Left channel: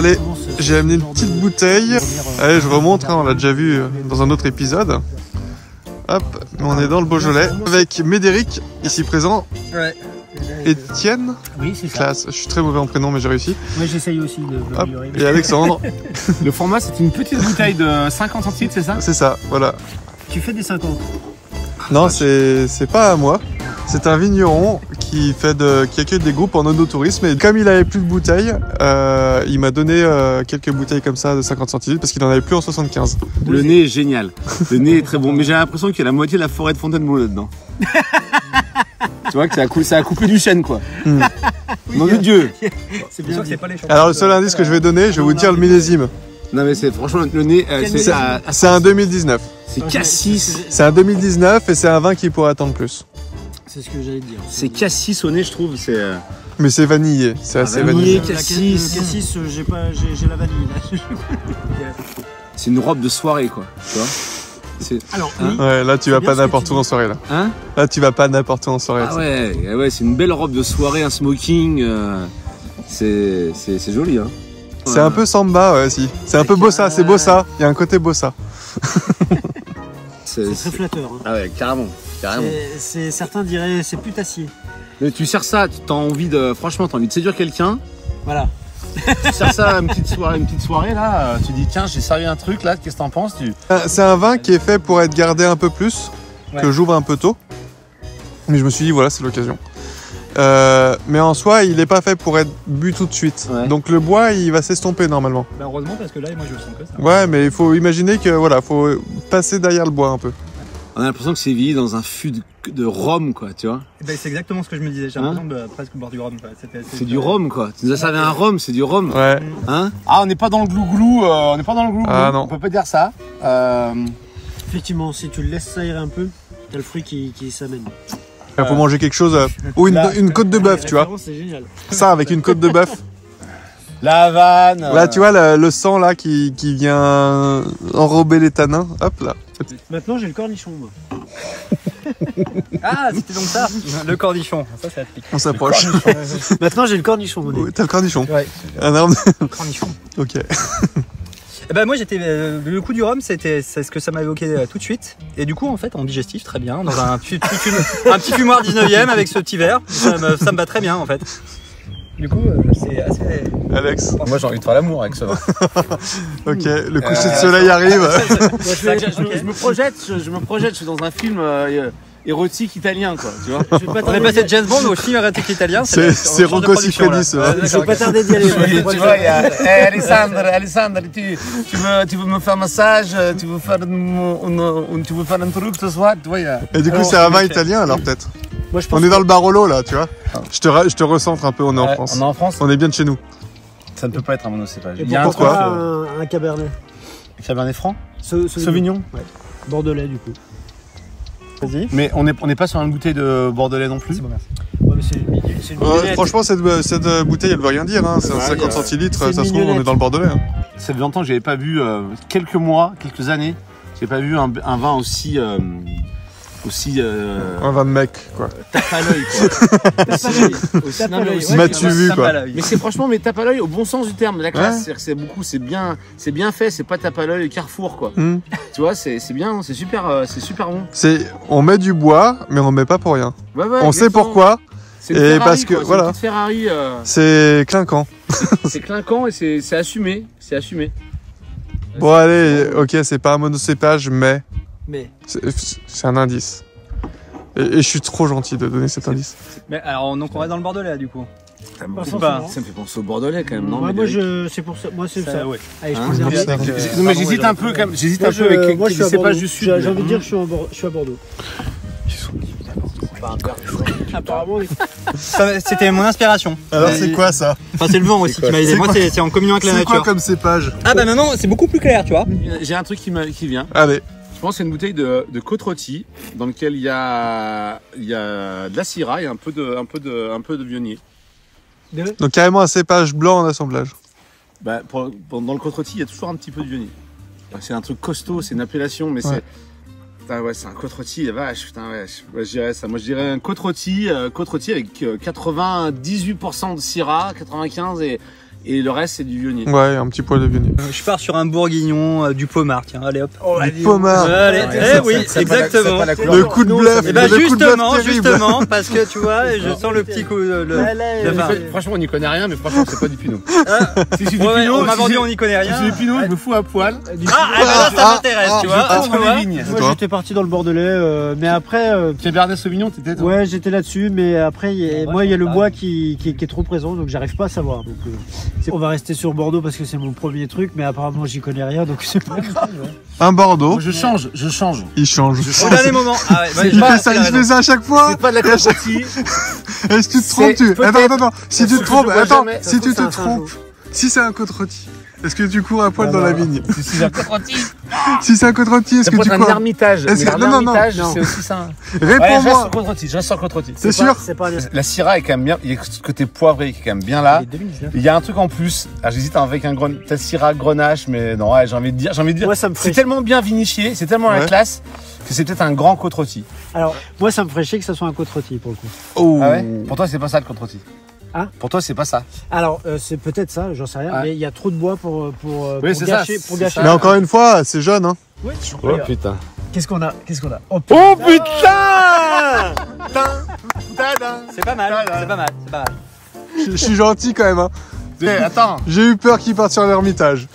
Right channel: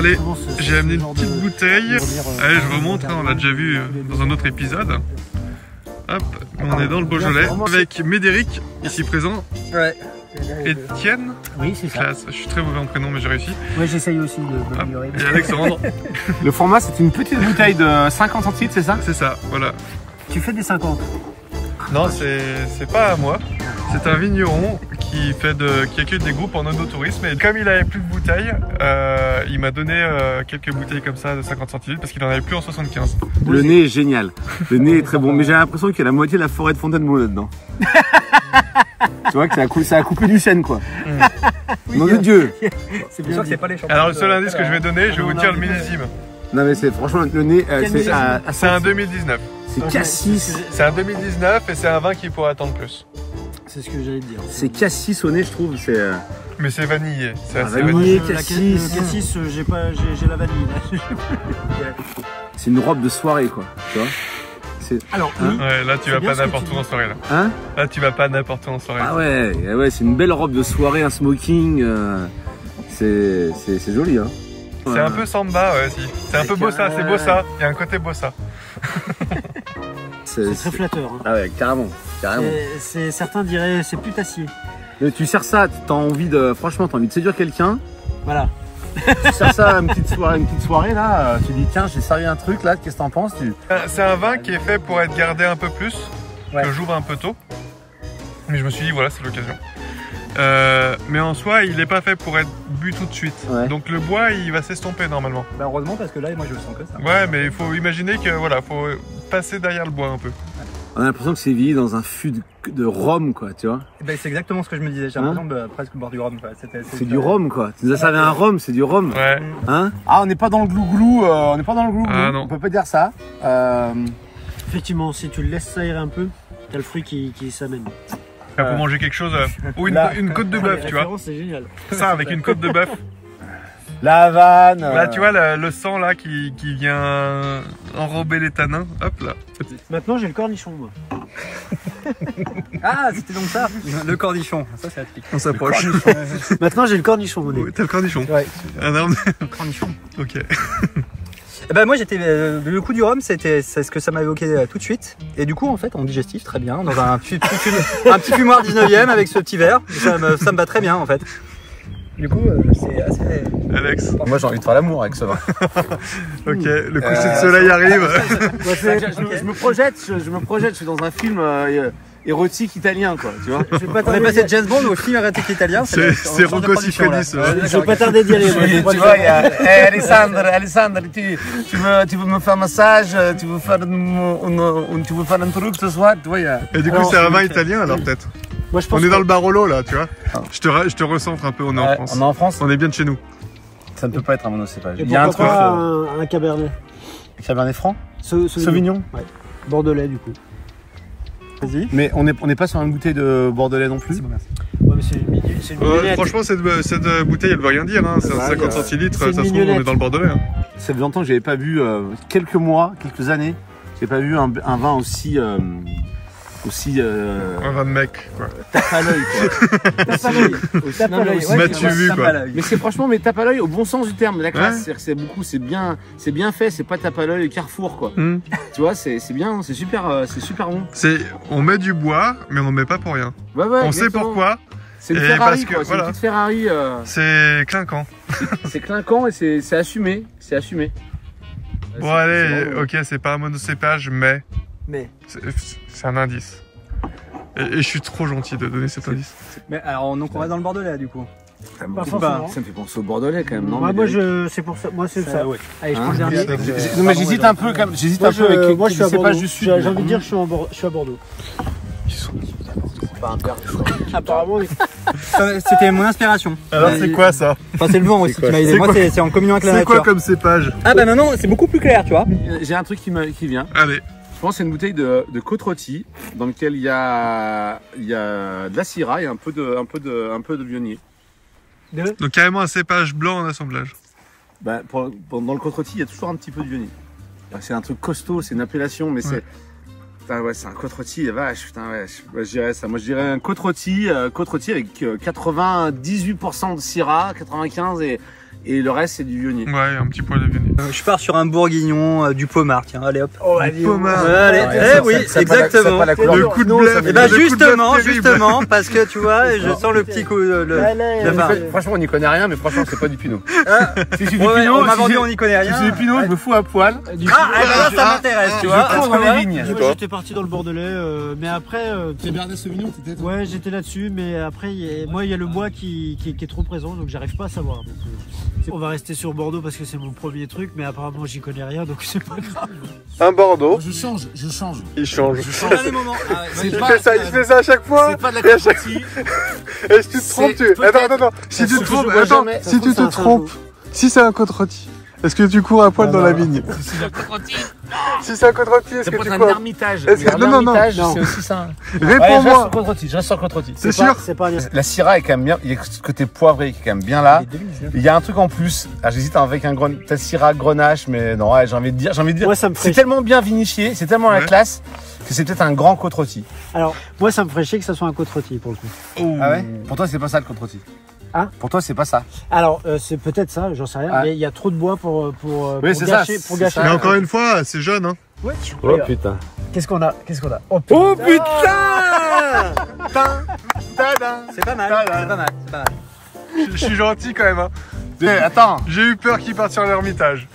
Allez, j'ai amené une petite bouteille. Allez, je vous remontre, hein, on l'a déjà vu dans un autre épisode. Hop, on est dans le Beaujolais avec Médéric, ici présent. Ouais. Étienne. Oui, c'est ça. Classe. Je suis très mauvais en prénom, mais j'ai réussi. Ouais, j'essaye aussi de m'améliorer. Et Alexandre. Le format, c'est une petite bouteille de 50 centilitres, c'est ça? C'est ça, voilà. Tu fais des 50? Non, c'est pas à moi. C'est un vigneron qui accueille des groupes en onotourisme. Et comme il avait plus de bouteilles, il m'a donné quelques bouteilles comme ça de 50 centilitres parce qu'il en avait plus en 75. Le nez est génial. Le nez est très bon. Mais j'ai l'impression qu'il y a la moitié de la forêt de Fontainebleau là-dedans. Tu vois que ça a coupé du chêne, quoi. Nom de Dieu. C'est bien sûr que c'est pas les champions. Alors le seul indice que je vais donner, je vais vous dire le millésime. Non mais c'est franchement le nez, C'est un 2019. c'est cassis. C'est un 2019 et c'est un vin qui pourrait attendre plus. C'est ce que j'allais dire. C'est cassis au nez, je trouve. C'est Mais c'est vanillé. C'est assez vanillé. vanillé. Cassis. Le cassis, j'ai la vanille là. c'est une robe de soirée, quoi. Tu vois. Alors, Hein oui. Ouais, là tu vas bien pas ce que n'importe tu où dis. en soirée là. Hein? Là tu vas pas n'importe où en soirée. Ah ouais, c'est une belle robe de soirée, un smoking. C'est joli, hein. C'est un peu samba, ouais, si. C'est un peu bossa, c'est bossa. Il y a un côté bossa. C'est très flatteur. Hein. Ah ouais, carrément. Certains diraient c'est putassier. Mais tu sers ça, franchement, t'as envie de séduire quelqu'un. Voilà. Tu sers ça à une petite soirée là. Tu dis tiens, j'ai servi un truc là. Qu'est-ce que t'en penses? C'est un vin qui est fait pour être gardé un peu plus, que j'ouvre un peu tôt. Mais je me suis dit voilà, c'est l'occasion. Mais en soi, il n'est pas fait pour être bu tout de suite. Ouais. Donc le bois, il va s'estomper normalement. Bah heureusement parce que là, moi je le sens que ça. Ouais, mais il faut imaginer que voilà, faut passer derrière le bois un peu. On a l'impression que c'est vieilli dans un fût de rhum, quoi, tu vois. Et ben c'est exactement ce que je me disais. J'ai l'impression de presque boire du rhum. C'est du rhum, quoi. Tu nous as servi un rhum, c'est du rhum. Ouais. Hein? Ah, on n'est pas dans le glouglou. On n'est pas dans le glouglou. Ah, non. On peut pas dire ça. Effectivement, si tu le laisses s'aérer un peu, t'as le fruit qui s'amène. Il faut manger quelque chose ou une côte de bœuf, tu vois. C'est génial. Ça avec une côte de bœuf. La Havane. Là, tu vois le sang là qui vient enrober les tanins. Hop là. Maintenant, j'ai le cornichon, moi. Ah, c'était donc ça. Le cornichon. Ça, c'est atypique. On s'approche. Maintenant, j'ai le cornichon, mon Oui, t'as le cornichon. Ouais. Un arbre. Cornichon. Ok. Eh ben moi j'étais le coup du rhum, c'est ce que ça m'a évoqué tout de suite. Et du coup en fait en digestif très bien dans un petit fumoir 19e avec ce petit verre, ça me va très bien en fait. Du coup c'est assez. Alex. Moi j'ai envie de faire l'amour avec ce vin. Ok, le coucher de soleil arrive. Je me projette, je suis dans un film érotique italien, quoi, tu vois. On est passé de James Bond au film érotique italien. C'est Rocco Siffredi, ça. Je vais pas tarder d'y aller. Tu vois, il y a Alessandre, tu veux me faire un massage, tu veux faire un truc ce soir, tu vois, il y a... Et du coup, c'est un vin italien alors peut-être. Moi, je pense On est dans le Barolo là, tu vois. Je te recentre un peu, on est en France. On est en France. On est bien de chez nous. Ça ne peut pas être un monocépage. Il y a un truc. Un cabernet. Cabernet Franc. Sauvignon. Ouais. Bordelais, du coup. Vas-y. Mais on n'est pas sur une bouteille de Bordelais non plus. Ouais, mais c'est une mignonnette. Franchement, cette bouteille, elle veut rien dire. Hein. C'est 50 centilitres, ça se trouve, on est dans le Bordelais. Hein. Ça fait longtemps que j'avais pas vu, quelques années, j'ai pas vu un vin aussi un vin de mec, quoi. tape à l'œil, quoi. Tape à l'œil. Tape à l'œil. M'as-tu vu, quoi. Mais c'est franchement, mais tape à l'œil au bon sens du terme. La classe, c'est-à-dire que c'est bien fait. C'est pas tape à l'œil Carrefour, quoi. Tu vois, c'est bien, c'est super bon. On met du bois, mais on met pas pour rien. Ouais, on sait pourquoi. C'est une Ferrari, parce que quoi. voilà. C'est une petite Ferrari. C'est clinquant. C'est clinquant et c'est assumé. C'est assumé. Bon, allez, ok, c'est pas un monocépage, mais c'est un indice. Et je suis trop gentil de donner cet indice. Mais alors donc on va dans le Bordelais du coup. Ça me fait penser au Bordelais quand même, non? Moi, c'est pour ça. Moi, c'est ça. Ouais. Allez, je prends le dernier. Non, mais j'hésite un peu quand même. J'hésite un peu avec les cépages du sud. J'ai envie de dire, je suis à Bordeaux. Apparemment, C'était mon inspiration. Alors, c'est quoi ça? Enfin c'est le vent aussi qui m'a aidé. Moi c'est en communion avec la nature. C'est quoi comme cépage? Ah bah maintenant c'est beaucoup plus clair tu vois. J'ai un truc qui vient. Allez. Je pense que c'est une bouteille de côte rôtie dans laquelle il y a de la syrah et un peu de vionnier. Donc carrément un cépage blanc en assemblage. Bah, dans le côte rôtie, il y a toujours un petit peu de vionnier. C'est un truc costaud, c'est une appellation, mais c'est... Ah ouais, c'est un côte rôti, vache, putain, ouais, je dirais ça. Moi, je dirais un côte rôti avec 98% de syrah, 95 et et le reste c'est du Viognier. Ouais, un petit poil de Viognier. Je pars sur un bourguignon, du Pommard, tiens, allez hop. Du Pommard. Allez, oui, exactement. Le coup de bluff. Et bah le coup de bluff terrible. justement, parce que tu vois, je sens le petit coup, Franchement on n'y connaît rien, mais franchement c'est pas du Pinot. Si c'est du Ouais, Pinot, on m'a si vendu, c'est- on n'y connaît si rien. c'est du Pinot, je me fous à poil. Là, ça m'intéresse, tu vois. Je cours dans les vignes. Moi j'étais parti dans le Bordelais, mais après, Cabernet Sauvignon, t'étais toi? ouais j'étais là-dessus, mais après moi il y a le bois qui est trop présent, donc j'arrive pas à savoir. Donc, on va rester sur Bordeaux parce que c'est mon premier truc, mais apparemment j'y connais rien, donc c'est pas grave. Un Bordeaux. Je change. Il change. Au dernier moment. Ah ouais, Il fait ça à chaque fois. C'est pas de la contretie. Est-ce que tu te trompes, tu? peut-être Attends. Si tu ce te que trompes, je vois attends. jamais. Si tu te trompes, si c'est un côte rôti, est-ce que tu cours à poil dans la vigne? Si c'est un contretie. Si c'est un côte rôti, est-ce Ça que peut tu être un cours? ermitage. Est-ce Mais que- non, l'ermitage, non. c'est aussi ça. Réponds-moi. Je reste sur contretie. C'est sûr? C'est pas bien. La Syrah est quand même bien. Il y a ce côté poivré qui est quand même bien là. Il y a un truc en plus. Ah, j'hésite avec un peut-être Syrah Grenache, mais non, ouais, j'ai envie de dire. Moi, ça me C'est fait... tellement bien vinifié, c'est tellement la Ouais. classe que c'est peut-être un grand côte rôti. Alors, moi ça me ferait chier que ça soit un côte rôti pour le coup. Oh. Ah ouais? Pour toi, c'est pas ça le côte rôti. Hein? Pour toi, c'est pas ça. Alors, c'est peut-être ça, j'en sais rien, Ah. mais il y a trop de bois pour Oui, c'est ça, gâcher. Pour c'est gâcher. ça. Mais encore une fois, c'est jeune, hein. Ouais. Oh putain. Qu'est-ce qu'on a? Oh putain! C'est pas mal, c'est pas mal. Je suis gentil quand même, hein. Attends. J'ai eu peur qu'il parte sur l'ermitage.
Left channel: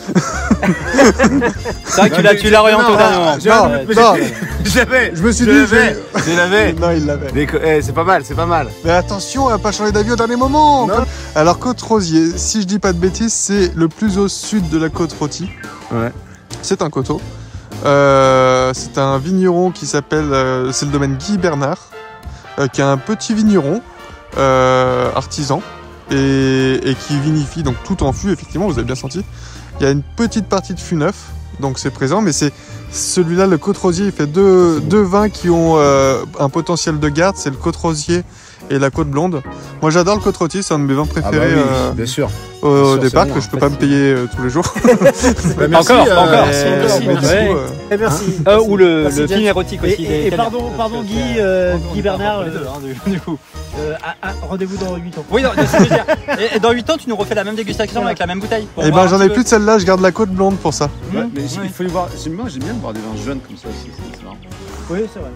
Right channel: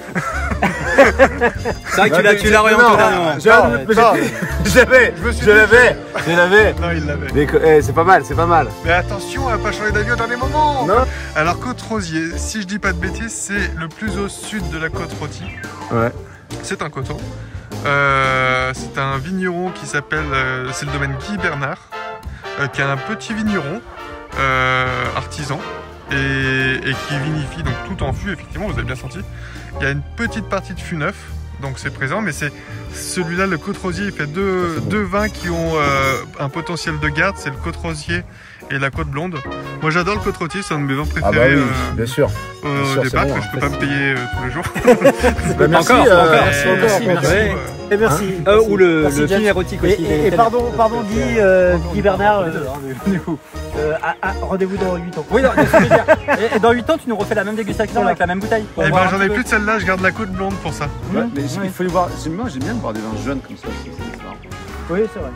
C'est vrai que tu l'as orienté au dernier moment. J'ai un doute, mais Non. je me suis je l'avais. Non, il l'avait. C'est pas mal, c'est pas mal. Mais attention à pas changer d'avis au dernier moment. Non. Alors Côte Rosier, si je dis pas de bêtises, c'est le plus au sud de la côte rôtie. Ouais. C'est un coteau. C'est un vigneron qui s'appelle, c'est le domaine Guy Bernard, qui est un petit vigneron artisan et qui vinifie donc tout en fût. Effectivement, vous avez bien senti. Il y a une petite partie de fût neuf, donc c'est présent, mais c'est celui-là, le Côte Rosier, il fait deux vins qui ont un potentiel de garde. C'est le Côte Rosier et la Côte Blonde. Moi j'adore le Côte Rôti, c'est un de mes vins Ah préférés bah oui, bien sûr. au Bien sûr, départ, c'est bon, que je peux pas me payer tous les jours. Bah, merci, Encore. Merci. Ouais. Et merci. Ou le Merci, film Jack. érotique aussi. Et pardon Guy Bernard, Du coup. rendez-vous dans 8 ans. Oui, non, c'est ce que je veux dire. Et dans 8 ans, tu nous refais la même dégustation avec la même bouteille. pour Et voir ben un j'en petit ai peu. plus de celle-là, je garde la Côte Blonde pour ça. Ouais, mais Ouais. il faut y voir. J'aime bien de boire des vins jeunes comme ça aussi. C'est marrant. Oui, c'est vrai.